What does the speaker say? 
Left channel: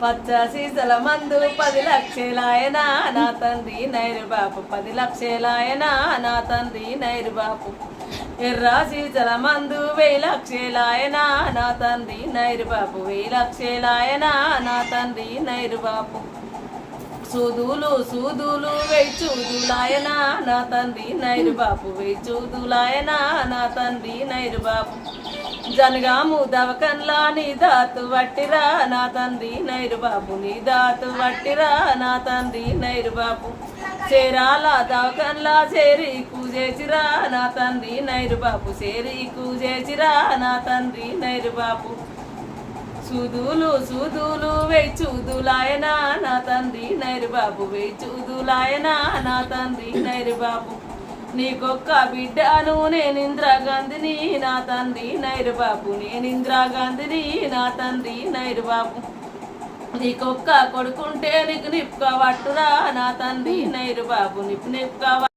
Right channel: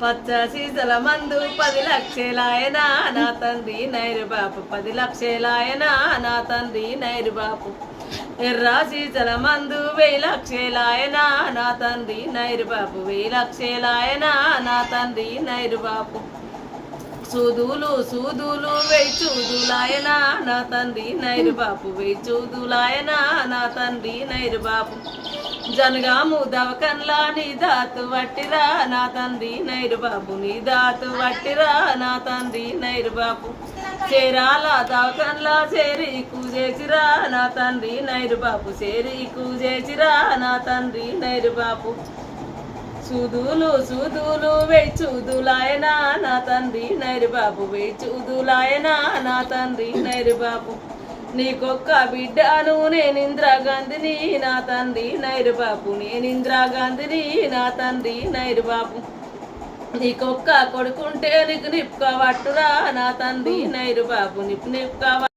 పచ్చ సీసల మందు 10 లక్షలాయనా నా తండ్రి నైరు బాపు 10 లక్షలాయనా నా తండ్రి నైరు బాపు ఎర్ర సీసల మందు 1000 లక్షలాయనా నా తండ్రి నైరు బాపు 1000 లక్షలాయనా నా తండ్రి నైరు బాపు సూదులు సూదులు 1000 చూదులాయనా నా తండ్రి నైరు బాపు 1000 చూదులాయనా నా తండ్రి నైరు బాపు జనగాము దవకన్లా నీ దాతు వట్టిరా నా తండ్రి నైరు బాపు నీ దాతు వట్టిరా నా తండ్రి నైరు బాపు చేరాల దవకన్లా చేరి కూజేసిరా నా తండ్రి నైరు బాపు చేరి కూజేసిరా నా తండ్రి నైరు బాపు సూదులు సూదులు 1000 చూదులాయనా నా తండ్రి నైరు బాపు 1000 చూదులాయనా నా తండ్రి నైరు బాపు నీకొక్క బిడ్డను నేను ఇందిరాగాంధీని నా తండ్రి నైరు బాపు నేను ఇందిరాగాంధీని నా తండ్రి నైరు బాపు నీకొక్క కొడుకుంటే నీకు నిప్పుక పట్టురా నా తండ్రి నైరు బాపు నిప్పుక